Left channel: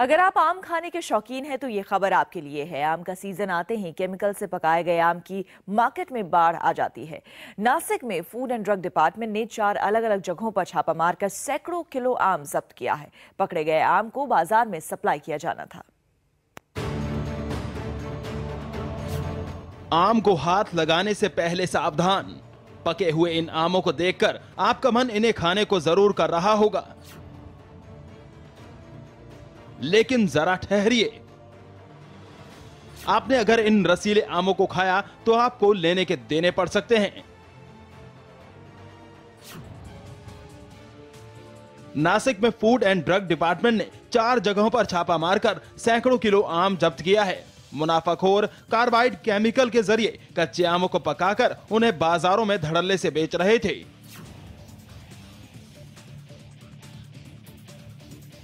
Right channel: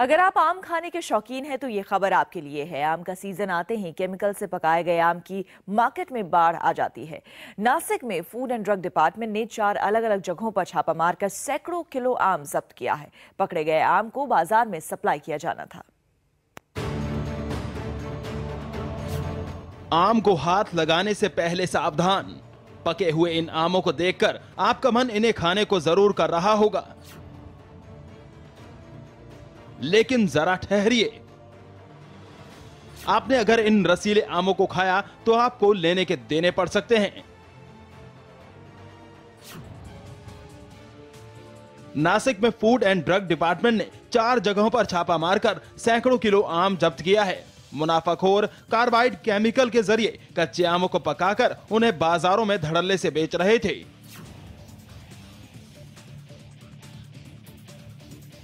अगर आप आम खाने के शौकीन हैं तो ये खबर आपके लिए है। आम का सीजन आते ही केमिकल से पकाए गए आम की मार्केट में बाढ़ आ जाती है। नासिक में फूड एंड ड्रग डिपार्टमेंट ने 4 अलग-अलग जगहों पर छापा मारकर सैकड़ों किलो आम जब्त किया है। पकड़े गए आम को बाजार में सप्लाई किया जाना था। आम को हाथ लगाने से पहले सावधान। पके हुए इन आमों को देखकर आपका मन इन्हें खाने को जरूर कर रहा होगा, लेकिन जरा ठहरिए। आपने अगर इन रसीले आमों को खाया तो आपको लेने के देने पड़ सकते हैं। नासिक में फूड एंड ड्रग डिपार्टमेंट ने 4 जगहों पर छापा मारकर सैकड़ों किलो आम जब्त किया है। मुनाफाखोर कार्बाइड केमिकल के जरिए कच्चे आमों को पकाकर उन्हें बाजारों में धड़ल्ले से बेच रहे थे।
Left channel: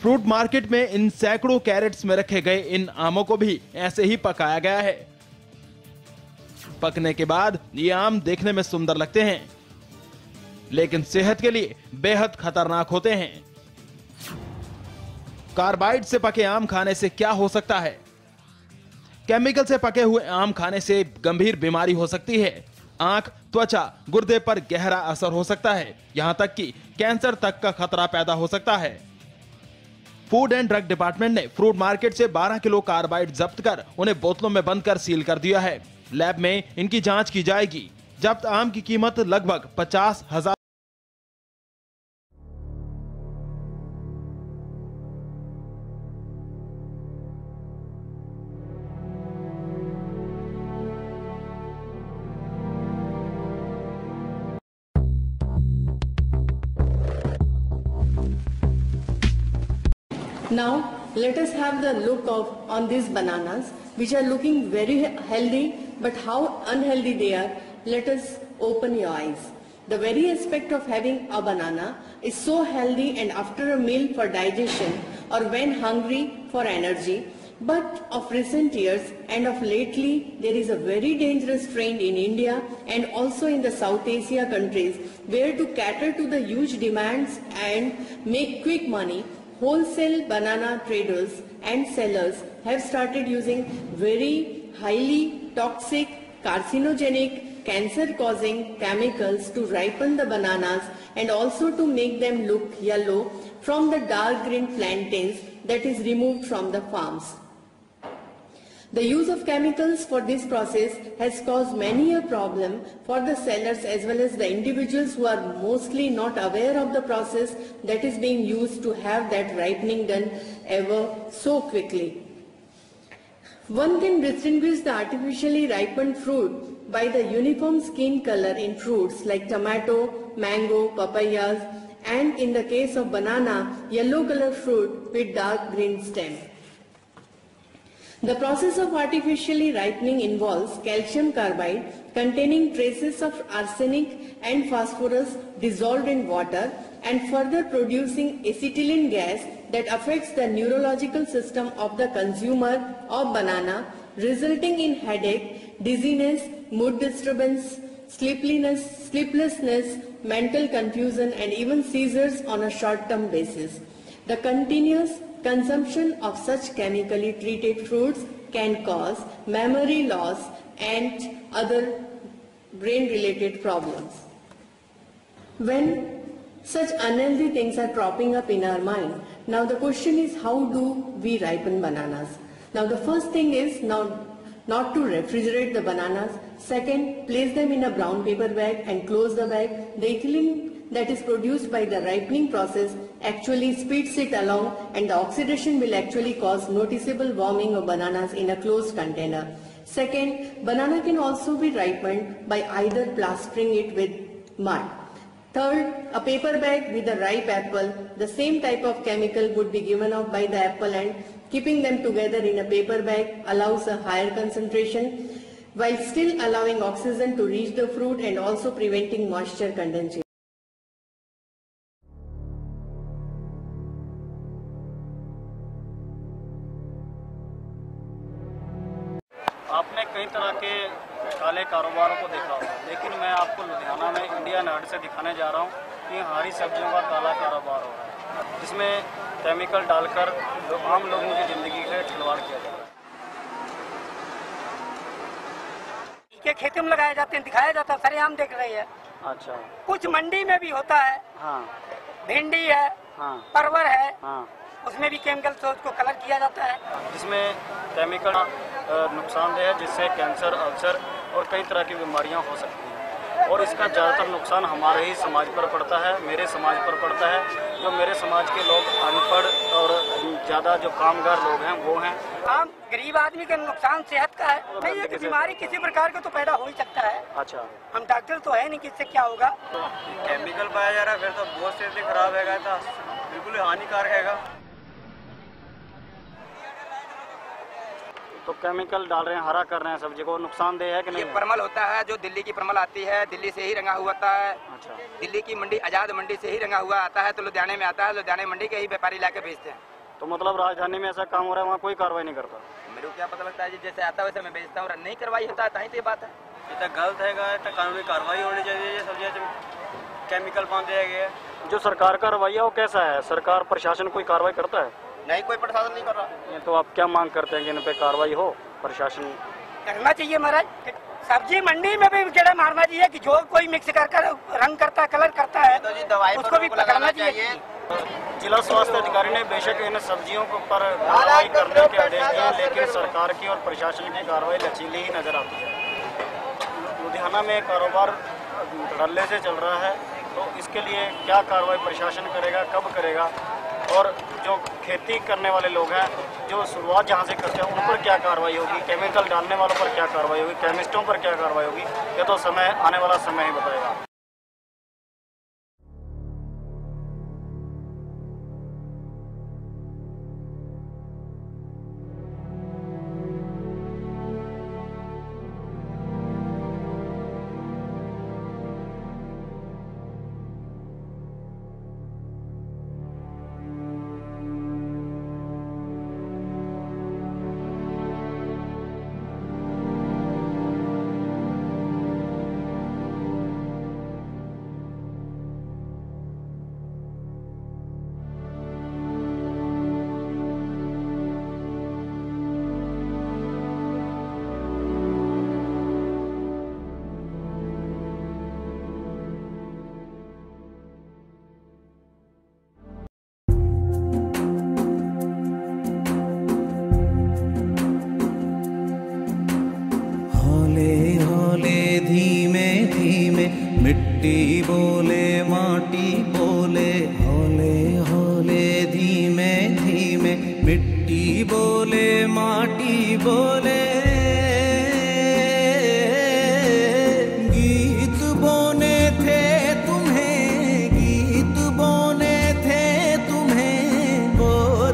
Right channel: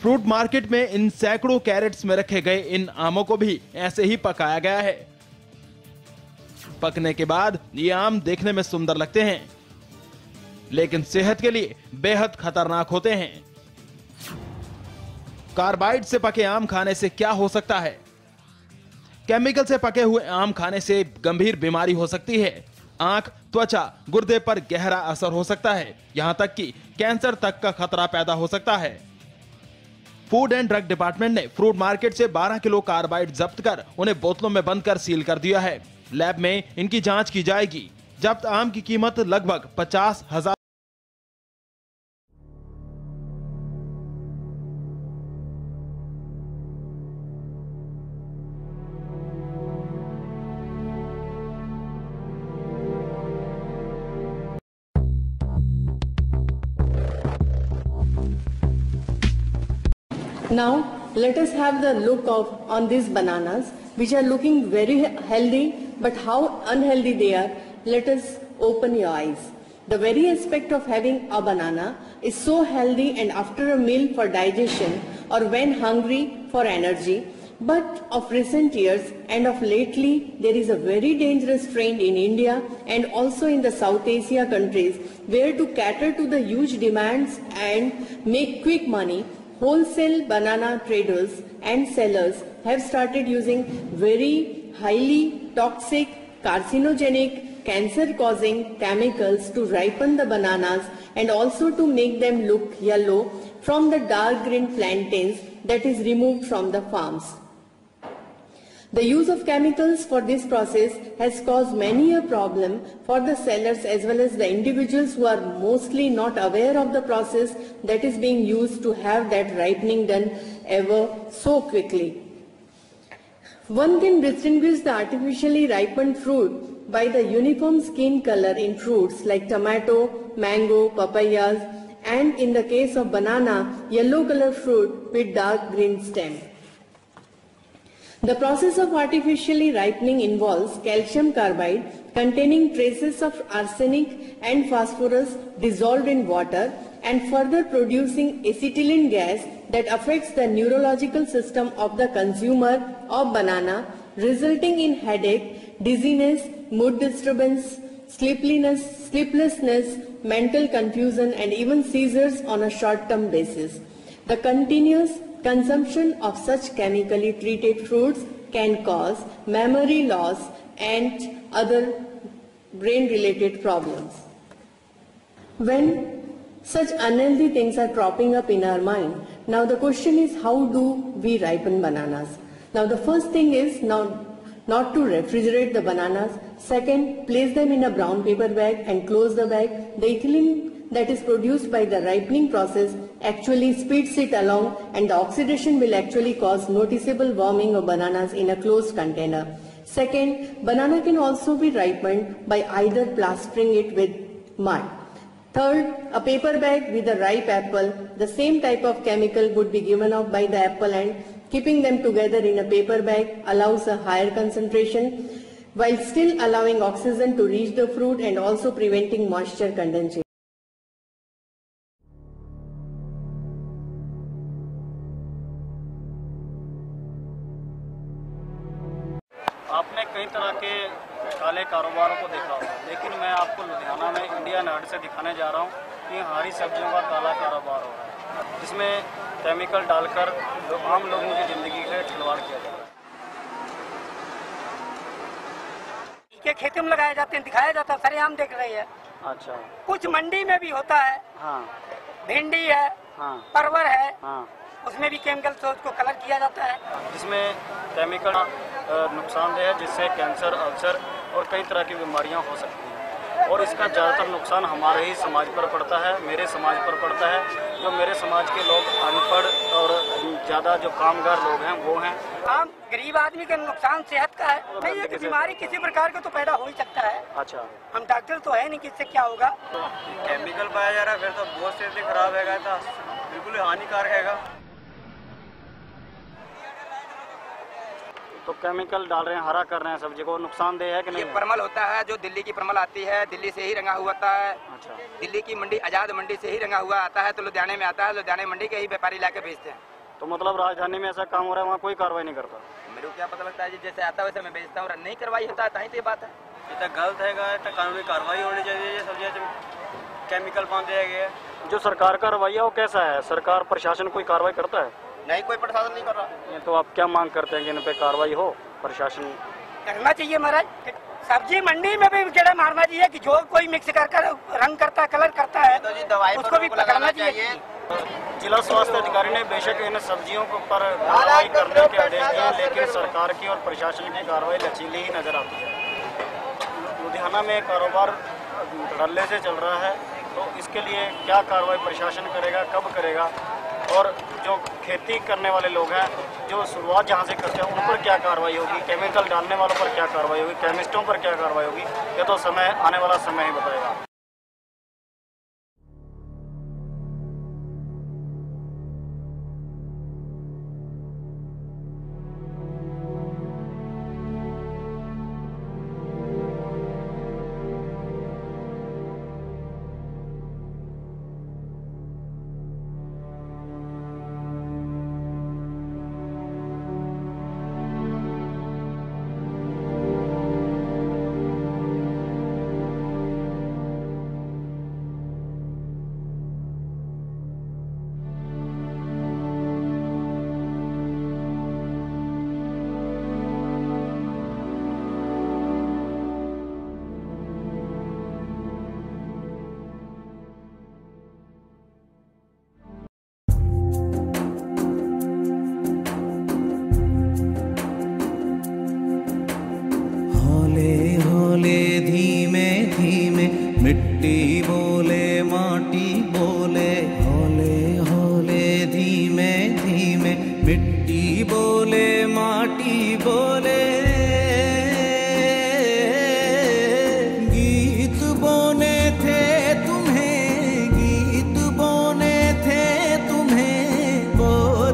फ्रूट मार्केट में इन सैकड़ों कैरेट्स में रखे गए इन आमों को भी ऐसे ही पकाया गया है। पकने के बाद ये आम देखने में सुंदर लगते हैं, लेकिन सेहत के लिए बेहद खतरनाक होते हैं। कार्बाइड से पके आम खाने से क्या हो सकता है? केमिकल से पके हुए आम खाने से गंभीर बीमारी हो सकती है। आंख, त्वचा, गुर्दे पर गहरा असर हो सकता है। यहां तक कि कैंसर तक का खतरा पैदा हो सकता है। फूड एंड ड्रग डिपार्टमेंट ने फ्रूट मार्केट से 12 किलो कार्बाइड जब्त कर उन्हें बोतलों में बंद कर सील कर दिया है। लैब में इनकी जांच की जाएगी। जब्त आम की कीमत लगभग 50,000। Now let us have the look on these bananas, which are looking very healthy, but how unhealthy they are. Let us open your eyes. The very aspect of having a banana is so healthy and after a meal for digestion or when hungry for energy. But of recent years and of lately, there is a very dangerous trend in India and also in the South Asia countries where to cater to the huge demands and make quick money, wholesale banana traders and sellers have started using very highly toxic, carcinogenic, cancer-causing chemicals to ripen the bananas and also to make them look yellow from the dark green plantains that is removed from the farms. The use of chemicals for this process has caused many a problem for the sellers as well as the individuals who are mostly not aware of the process that is being used to have that ripening done ever so quickly. One can distinguish the artificially ripened fruit by the uniform skin color in fruits like tomato, mango, papayas, and in the case of banana, yellow color fruit with dark green stem. The process of artificially ripening involves calcium carbide containing traces of arsenic and phosphorus dissolved in water and further producing acetylene gas that affects the neurological system of the consumer of banana, resulting in headache, dizziness, mood disturbance, sleeplessness, mental confusion and even seizures on a short-term basis. The continuous consumption of such chemically treated fruits can cause memory loss and other brain-related problems. When such unhealthy things are cropping up in our mind, now the question is, how do we ripen bananas? Now the first thing is not to refrigerate the bananas. Second, place them in a brown paper bag and close the bag. The ethylene that is produced by the ripening process actually speeds it along and the oxidation will actually cause noticeable warming of bananas in a closed container. Second, banana can also be ripened by either plastering it with mud. Third, a paper bag with a ripe apple, the same type of chemical would be given off by the apple and keeping them together in a paper bag allows a higher concentration while still allowing oxygen to reach the fruit and also preventing moisture condensation. आपने कई तरह के काले कारोबारों को देखा होगा, लेकिन मैं आपको लुधियाना में इंडिया नार्ड से दिखाने जा रहा हूँ कि हरी सब्जियों का काला कारोबार हो रहा है, जिसमें केमिकल डालकर आम लोगों की ज़िंदगी से खिलवाड़ किया जा रहा है। के खेतों में लगाए जाते हैं, दिखाया जाता है, सरेआम देख रही है। अच्छा, कुछ मंडी में भी होता है। हाँ, भिंडी है, हाँ, परवर है, हाँ, उसमें भी केमिकल से उसको कलर किया जाता है, जिसमें केमिकल नुकसानदेह है, जिससे कैंसर, अल्सर और कई तरह की बीमारियां हो सकती हैं। और इसका ज़्यादातर नुकसान हमारे ही समाज पर पड़ता है, मेरे समाज पर पड़ता है। जो मेरे समाज के लोग अनपढ़ और ज़्यादा जो कामगार लोग हैं वो हैं। आम गरीब आदमी का नुकसान सेहत का है। नहीं है कि बीमारी किसी प्रकार का तो पैदा हो ही सकता है। अच्छा, हम डॉक्टर तो है नहीं कि इससे क्या होगा। तो केमिकल पाया जा रहा है, फिर तो बहुत सेहत खराब है, तो बिल्कुल हानिकारक है। तो केमिकल डाल रहे हैं, हरा कर रहे हैं सब्जी को, नुकसानदेह है कि नहीं? ये परमल होता है जो दिल्ली की परमल आती है, दिल्ली से ही रंगा हुआ आता है। अच्छा, दिल्ली की मंडी, आजाद मंडी से ही रंगा हुआ आता है, तो लुधियाने में आता है, लुधियाने मंडी के ही व्यापारी लाके बेचते हैं। तो मतलब राजधानी में ऐसा काम हो रहा है, वहाँ कोई कार्रवाई नहीं करता? मेरे को क्या पता लगता है जी, जैसे आता है वैसे मैं बेचता हूँ, नहीं कार्रवाई होता है, ताही तो ये बात है। ये तो गलत है, तो कानूनी कार्रवाई होनी चाहिए। ये सब्जी केमिकल पान दिया गया है। जो सरकार का रवैया वो कैसा है? सरकार, प्रशासन कोई कार्रवाई करता है? नहीं, कोई प्रशासन नहीं कर रहा। ये तो आप क्या मांग करते हैं कि इन पे कार्रवाई हो? प्रशासन करना चाहिए महाराज। सब्जी मंडी में भी कीड़ा मारना चाहिए कि जो कोई मिक्स कर रंग करता है, कलर करता है, तो जी दवाई उसको भी पकड़ना चाहिए। जिला स्वास्थ्य अधिकारी ने बेशक इन सब्जियों पर कार्रवाई करने के आदेश दिए, लेकिन सरकार की और प्रशासन की कार्रवाई लचीली ही नजर आती है। लुधियाना में कारोबार धड़ल्ले से चल रहा है, तो इसके लिए क्या कार्रवाई प्रशासन करेगा, कब करेगा? और जो खेती करने वाले लोग हैं, जो शुरुआत जहाँ से करते हैं, उन पर क्या कार्रवाई होगी? केमिकल डालने वालों पर क्या कार्रवाई होगी? केमिस्टों पर क्या कार्रवाई होगी? ये तो समय, आने वाला समय ही बताएगा। हौले हौले धीमे धीमे मिट्टी बोले माटी बोले, हौले हौले धीमे धीमे मिट्टी बोले माटी बोले। गीत बोने थे तुम्हें, गीत बोने थे तुम्हें, बो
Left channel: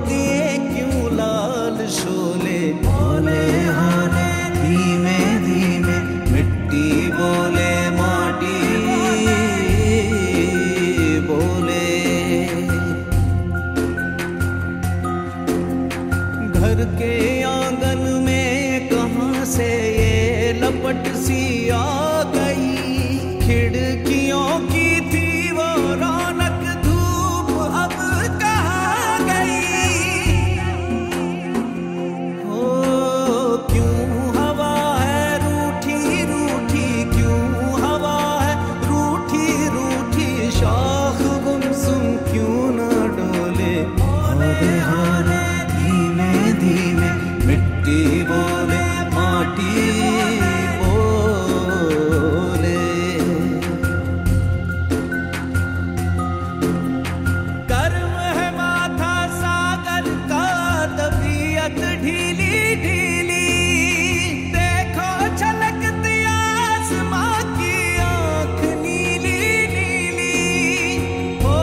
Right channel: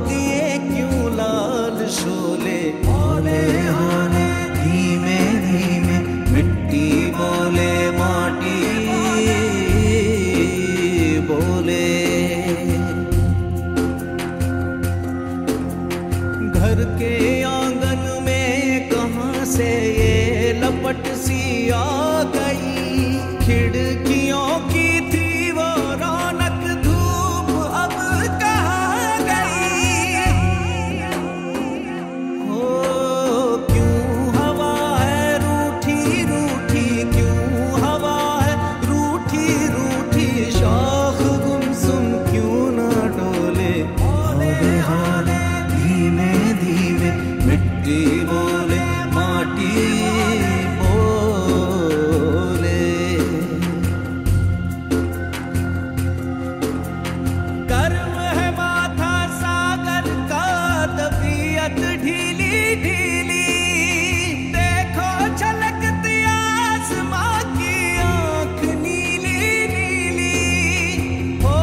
दिए क्यों लाल शोले। हौले हौले धीमे धीमे मिट्टी बोले माटी बोले। घर के आंगन में कहाँ से ये लपट सी आ गई, खिड़कियों की थी वो रौनक, धूप अब कहाँ गई। हो क्यों हवा है रूठी रूठी, क्यों हवा है रूठी रूठी, शाख गुमसुम क्यों ना डोले। हौले हौले धीमे धीमे मिट्टी बोले माटी बोले। गर्म है माथा सागर का, तबीयत ढीली ढीली, देखो छलकती आसमां की आँख नीली नीली। हो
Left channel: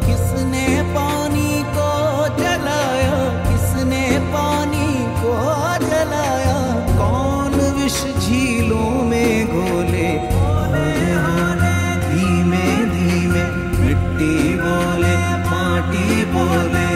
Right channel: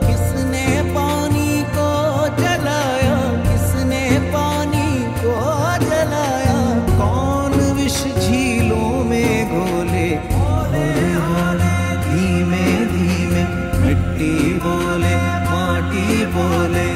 किसने पानी को जलाया, किसने पानी को जलाया, कौन विष झीलों में घोले। हौले हौले धीमे धीमे मिट्टी बोले माटी बोले।